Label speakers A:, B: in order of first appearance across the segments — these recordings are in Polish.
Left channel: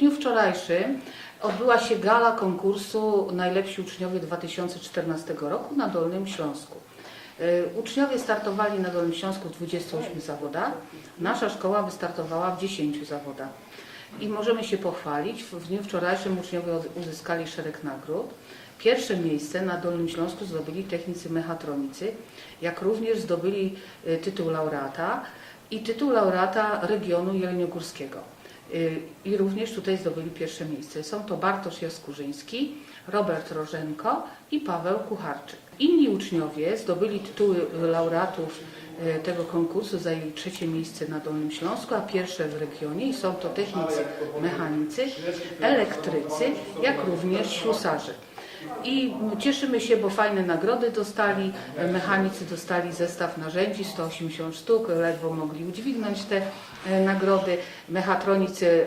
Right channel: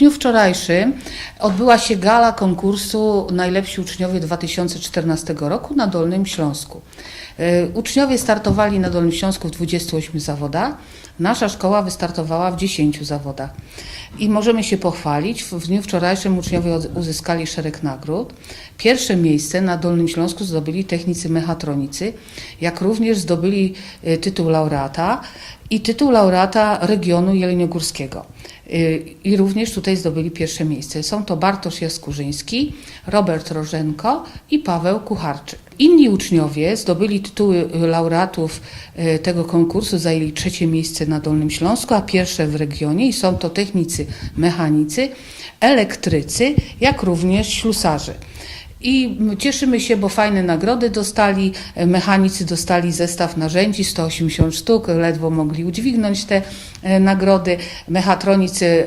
A: dniu wczorajszym odbyła się gala konkursu Najlepsi Uczniowie 2014 roku na Dolnym Śląsku. E, Uczniowie startowali na Dolnym Śląsku w 28 zawodach. Nasza szkoła wystartowała w 10 zawodach. I możemy się pochwalić, w dniu wczorajszym uczniowie uzyskali szereg nagród. Pierwsze miejsce na Dolnym Śląsku zdobyli technicy mechatronicy, jak również zdobyli e, tytuł laureata i tytuł laureata regionu jeleniogórskiego. Y, I również tutaj zdobyli pierwsze miejsce. Są to Bartosz Jaskurzyński, Robert Rożenko i Paweł Kucharczyk. Inni uczniowie zdobyli tytuły laureatów y, tego konkursu, zajęli trzecie miejsce na Dolnym Śląsku, a pierwsze w regionie i są to technicy, mechanicy, elektrycy, jak również ślusarze. I cieszymy się, bo fajne nagrody dostali. Mechanicy dostali zestaw narzędzi, 180 sztuk, ledwo mogli udźwignąć te e, nagrody. Mechatronicy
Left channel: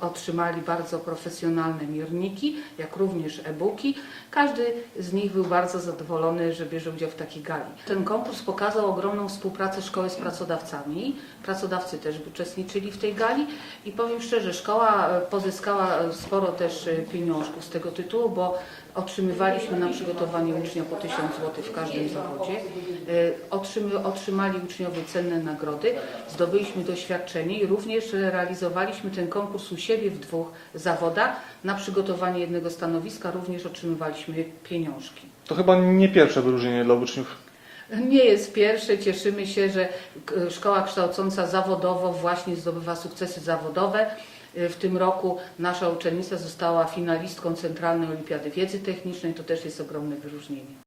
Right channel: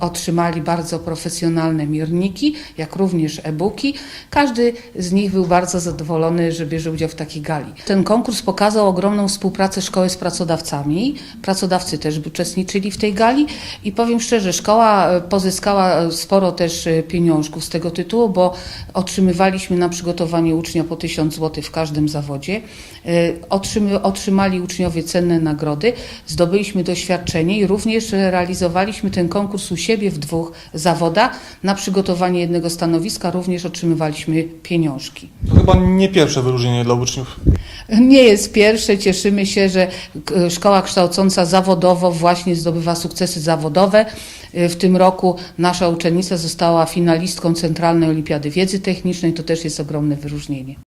A: otrzymali bardzo profesjonalne mierniki, jak również e-booki. Każdy z nich był bardzo zadowolony, że bierze udział w takiej gali. Ten konkurs pokazał ogromną współpracę szkoły z pracodawcami. Pracodawcy też uczestniczyli w tej gali i powiem szczerze, szkoła e, pozyskała e, sporo też e, pieniążków z tego tytułu, bo otrzymywaliśmy na przygotowanie ucznia po 1000 zł w każdym zawodzie. E, otrzymali uczniowie cenne nagrody, zdobyliśmy doświadczenie i również realizowaliśmy ten konkurs u siebie w dwóch zawodach. Na przygotowanie jednego stanowiska również otrzymywaliśmy pieniążki.
B: To chyba nie pierwsze wyróżnienie dla uczniów.
A: Nie jest pierwsze. Cieszymy się, że szkoła kształcąca zawodowo właśnie zdobywa sukcesy zawodowe. Y, W tym roku nasza uczennica została finalistką Centralnej Olimpiady Wiedzy Technicznej. To też jest ogromne wyróżnienie.